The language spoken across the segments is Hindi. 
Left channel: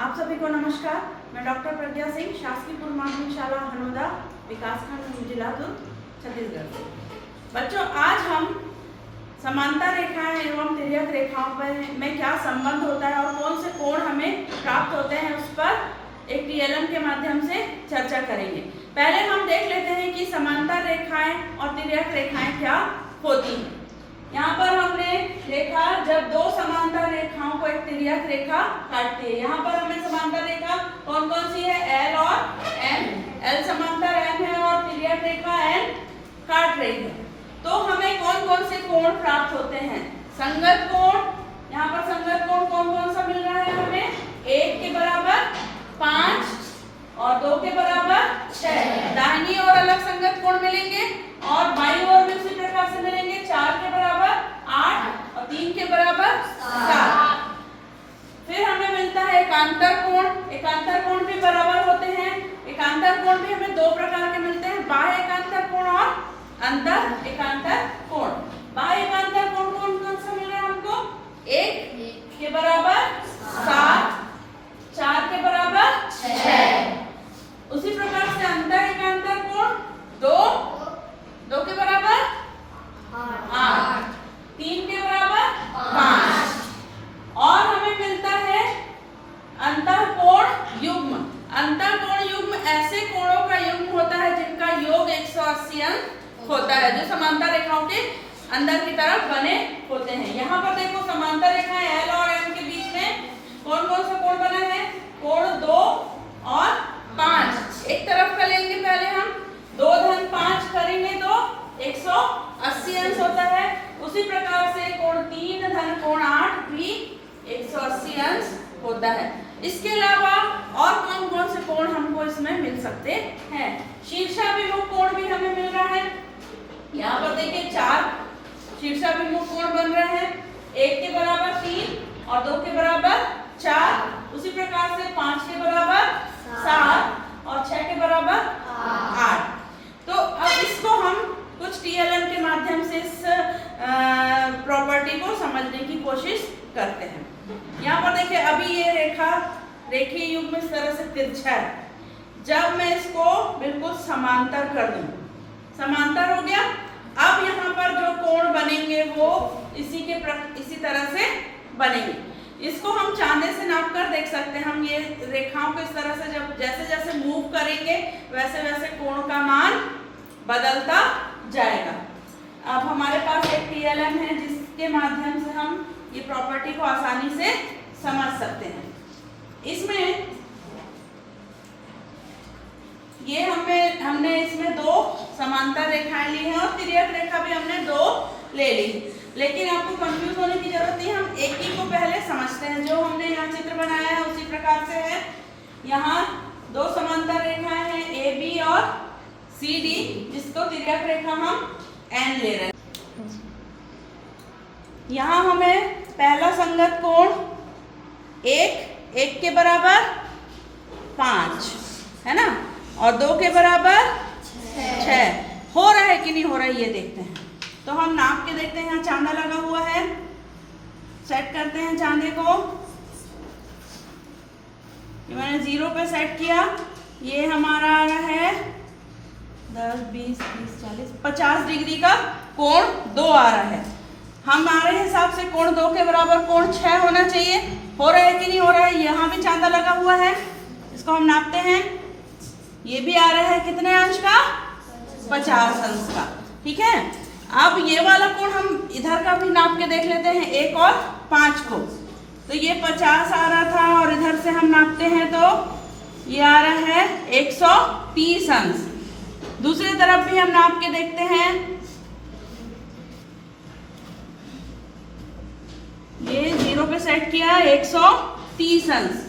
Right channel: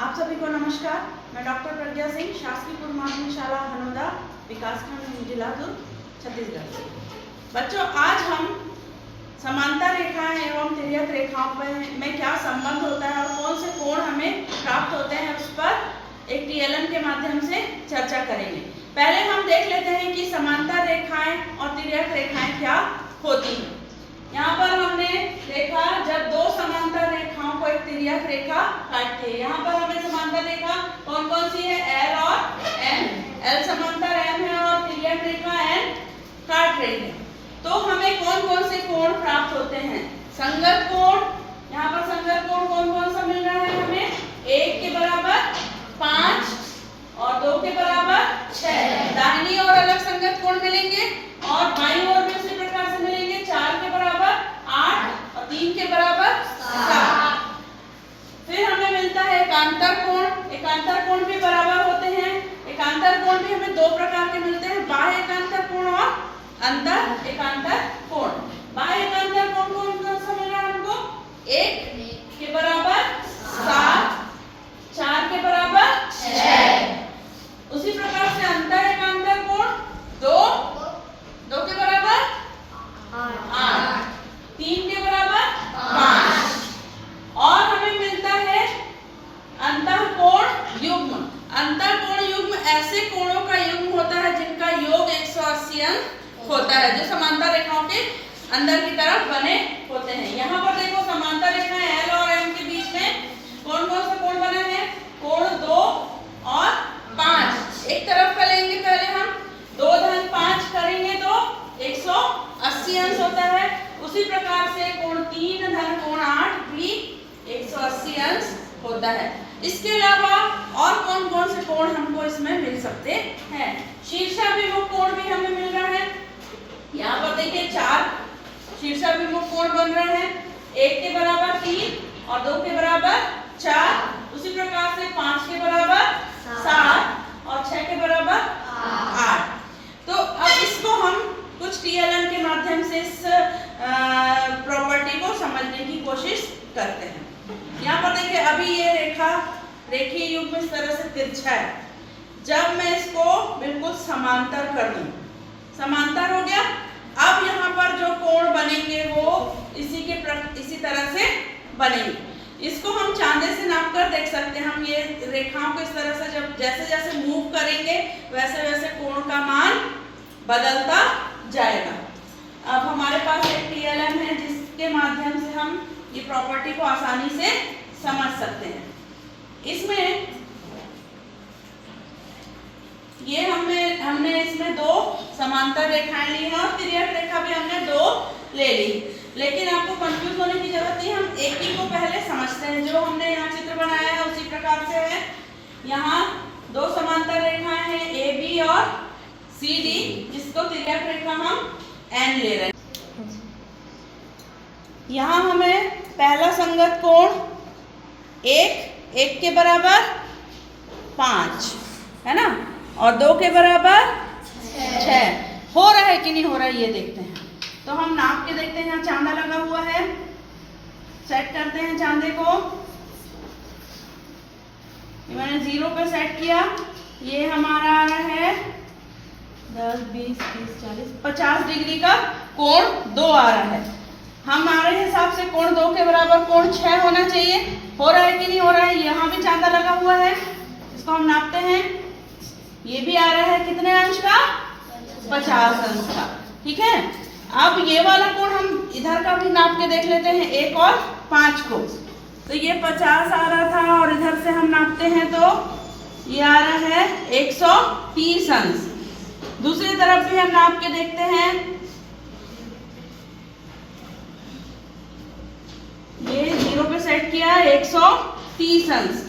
आप सभी को नमस्कार। मैं डॉक्टर प्रज्ञा सिंह, शासकीय पूर्व माध्यमिक शाला हनोदा, विकासखंड जिला दुर्ग, छत्तीसगढ़ से। बच्चों, आज हम समांतर रेखाएं एवं तिर्यक रेखाओं में क्या संबंध होता है और कौन से कोण हमें प्राप्त होते हैं उस पर एक टीएलएम के माध्यम से चर्चा करेंगे। पहले हम देख लेते हैं कि समांतर रेखाएं और तिर्यक रेखाएं क्या होती हैं। यहाँ पर हमने देखा जब दो समांतर रेखाओं को एक तिर्यक रेखा काटती है। यहाँ पर हमें समांतर रेखा कौन कौन सी है? एल और एम। एल समांतर एम है और तिर्यक रेखा एन काट रही है। तो हमें कौन कौन से कोण प्राप्त होते हैं? संगत कोण। यहाँ पर संगत कोण कौन कौन सा मिल रहा है हमें? 1 के बराबर 5 और 2 के बराबर 6। दाहिनी ओर अलग संगत कोण मिलेंगे और बाईं ओर भी उसी प्रकार से मिलेंगे। 4 के बराबर 8 और 3 के बराबर 7। फिर हमें मिलता है एकांतर कोण। एकांतर कोण भी बराबर होते हैं। एकांतर कोण भी हमें दो प्रकार के मिलते हैं, बाह्य एकांतर कोण और अंतर एकांतर कोण। बाह्य एकांतर कोण कौन सा मिल रहा है हमको? 1 के बराबर 7, 4 के बराबर 6। उसी प्रकार से अंतर एकांतर कोण 2 के बराबर 8, 3 के बराबर 5। और हमें मिलता है अंतःकोण युग्म। अंतःकोण युग्म ऐसे कोणों का युग्म होता है जिनका योग 180 अंश होता है, जो समांतर रेखाओं के अंदर की तरफ बने होते हैं। यहाँ पर देखो समांतर रेखाएं एल और एम के बीच में कौन कौन सा कोण बना है? कोण 2 और 5। एक तरफ का लेंगे पहले हम, 2 धन 5 करेंगे तो 180 अंश होता है। उसी प्रकार से कोण 3 धन कोण 8 भी 180 अंश होता है। इसके अलावा और कौन कौन से कोण हमको इसमें मिल सकते हैं? शीर्षाभिमुख कोण भी हमें मिल रहा है। यहाँ पर देखिए 4 शीर्षाभिमुख कोण बन रहे हैं। 1 के बराबर 3 और 2 के बराबर 4। उसी प्रकार से 5 के बराबर 7 और 6 के बराबर 8। तो अब इसको हम कुछ टीएलएम के माध्यम से इस प्रॉपर्टी को समझने की कोशिश करते हैं। यहाँ पर देखिए अभी ये रेखीय युग्म इस तरह से तिरछा है। जब मैं इसको बिल्कुल समांतर कर दूं, समांतर हो गया। अब यहाँ पर जो कोण बनेंगे वो इसी तरह से बनेंगे। इसको हम चांदे से नाप कर देख सकते हैं। हम ये रेखाओं को इस तरह से जब जैसे जैसे मूव करेंगे वैसे वैसे कोण का मान बदलता जाएगा। अब हमारे पास एक टीएलएम है जिसके माध्यम से हम ये प्रॉपर्टी को आसानी से समझ सकते हैं। इसमें ये हमने इसमें 2 समांतर रेखाएं ली हैं और तिर्यक रेखा भी हमने 2 ले ली। लेकिन आपको कंफ्यूज होने की जरूरत नहीं, हम एक ही को पहले समझते हैं। जो हमने यहाँ चित्र बनाया है उसी प्रकार से है। यहाँ 2 समांतर रेखाएं हैं ए बी और सी डी, जिसको तिर्यक रेखा हम एन ले रहे हैं। यहाँ हमें पहला संगत कोण 1 के बराबर 5 है ना, और 2 के बराबर 6। हो रहा है कि नहीं हो रहा है ये देखते हैं। तो हम नाप के देखते हैं। यहाँ चांदा लगा हुआ है, सेट करते हैं चांदे को। ये मैंने 0 पे सेट किया। ये हमारा आ रहा है 10, 20, 30, 40, 50 डिग्री का कोण 2 आ रहा है। हमारे हिसाब से कोण 2 के बराबर कोण 6 होना चाहिए। हो रहा है कि नहीं हो रहा है? यहाँ भी चांदा लगा हुआ है, इसको हम नापते हैं। ये भी आ रहा है कितने अंश का? 50 अंश का। ठीक है। अब ये वाला कोण हम इधर का भी नाप के देख लेते हैं, 1 और 5 को। तो ये 50 आ रहा था और इधर से हम नापते हैं तो ये आ रहा है 130 अंश। दूसरी तरफ भी हम नाप के देखते हैं। ये 0 पे सेट किया 130 अंश।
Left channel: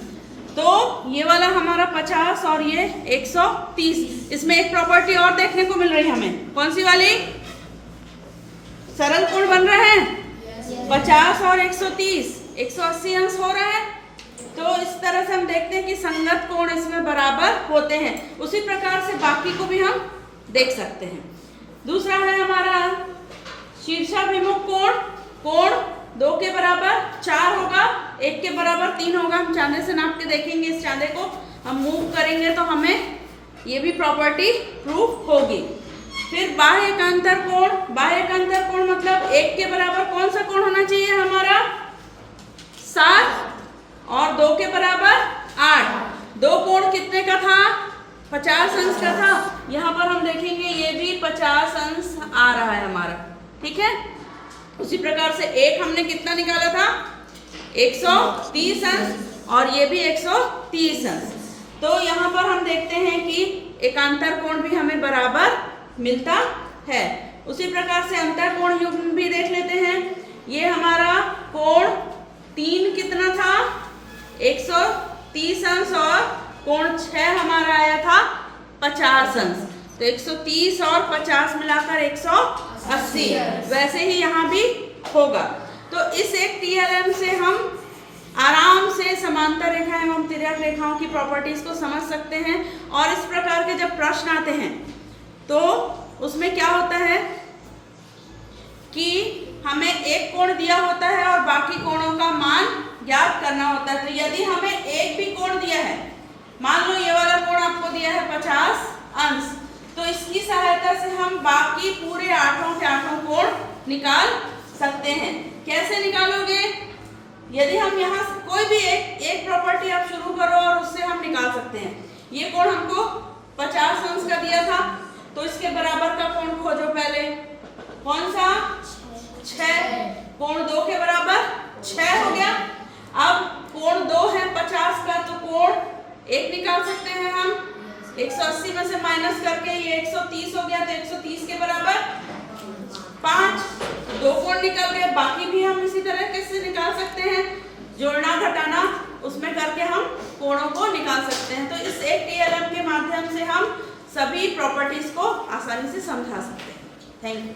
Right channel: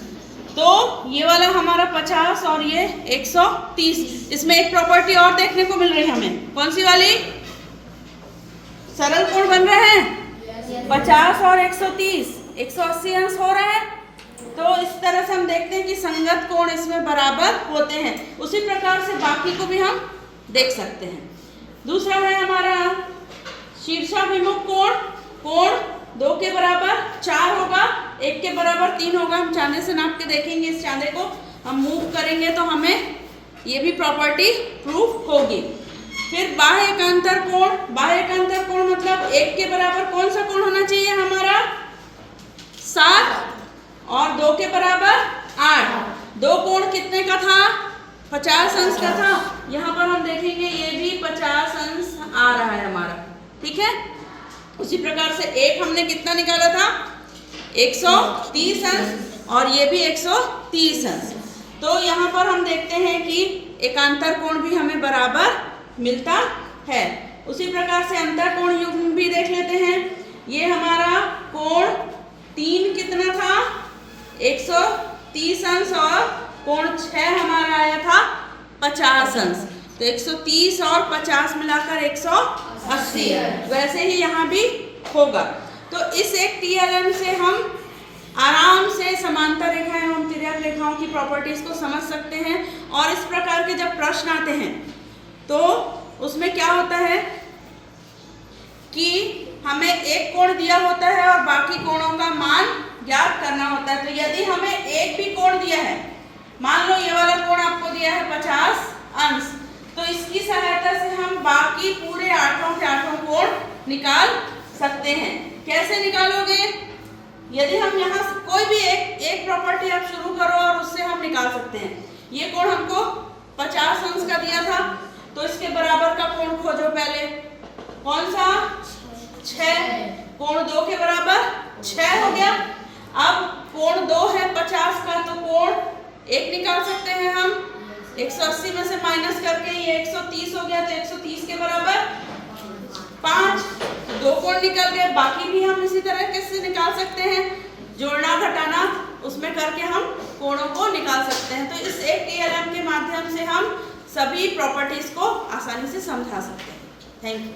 तो ये वाला हमारा 50 और ये 130। इसमें एक प्रॉपर्टी और देखने को मिल रही है हमें। कौन सी वाली? सरल कोण बन रहा है 50 और 130, 180 अंश हो रहा है। तो इस तरह से हम देखते हैं कि संगत कोण इसमें बराबर होते हैं। उसी प्रकार से बाकी को भी हम देख सकते हैं। दूसरा है हमारा शीर्षाभिमुख कोण। कोण 2 के बराबर 4 होगा, 1 के बराबर 3 होगा। हम चांदे से नाप के देखेंगे, इस चांदे को हम मूव करेंगे तो हमें ये भी प्रॉपर्टी प्रूफ होगी। फिर बाह्य एकांतर कोण, बाह्य एकांतर कोण मतलब 1 के बराबर कौन सा कोण होना चाहिए हमारा 7 और 2 के बराबर 8। 2 कोण कितने का था 50 अंश का था। यहाँ पर हम देखेंगे ये भी 50 अंश आ रहा है हमारा, ठीक है। उसी प्रकार से एक हमने कितना निकाला था 130 अंश और ये भी 130 अंश। तो यहाँ पर हम देखते हैं कि एकांतर कोण भी हमें बराबर मिलता है। उसी प्रकार से अंतर कोण युग्म भी देख लेते हैं। ये हमारा कोण 3 कितना था 130 अंश और कोण 6 हमारा आया था 50 अंश। तो 130 और 50 मिलाकर 180। वैसे ही यहाँ भी होगा। तो इस एक TLM से हम आराम से समांतर रेखाएं एवं तिर्यक रेखाओं की प्रॉपर्टीज को समझ सकते हैं। और इस प्रकार के जब प्रश्न आते हैं तो उसमें क्या होता है कि हमें एक कोण दिया होता है और बाकी कोणों का मान ज्ञात करना होता है। तो यदि हमें एक भी कोण दिया है, मान लो ये वाला कोण आपको दिया है 50 अंश, तो इसकी सहायता से हम बाकी पूरे 8 के 8 कोण निकाल सकते हैं। कैसे निकालोगे? यदि हम यहाँ से कोई भी एक प्रॉपर्टी आप शुरू करो और उससे हम निकाल सकते हैं। ये कोण हमको 50 अंश का दिया था, तो इसके बराबर का कोण खोजो पहले। कौन सा 6। कोण 2 के बराबर 6 हो गया। अब कोण 2 है 50 का, तो कोण 1 निकाल सकते हैं हम 180 में से माइनस करके, ये 130 हो गया। तो 130 के बराबर 5। 2 कोण निकल गए, बाकी भी हम इसी तरह कैसे निकाल सकते हैं, जोड़ना घटाना उसमें करके हम कोणों को निकाल सकते हैं। तो इस एक TLM के माध्यम से हम सभी प्रॉपर्टीज को आसानी से समझा सकते हैं। Thank you.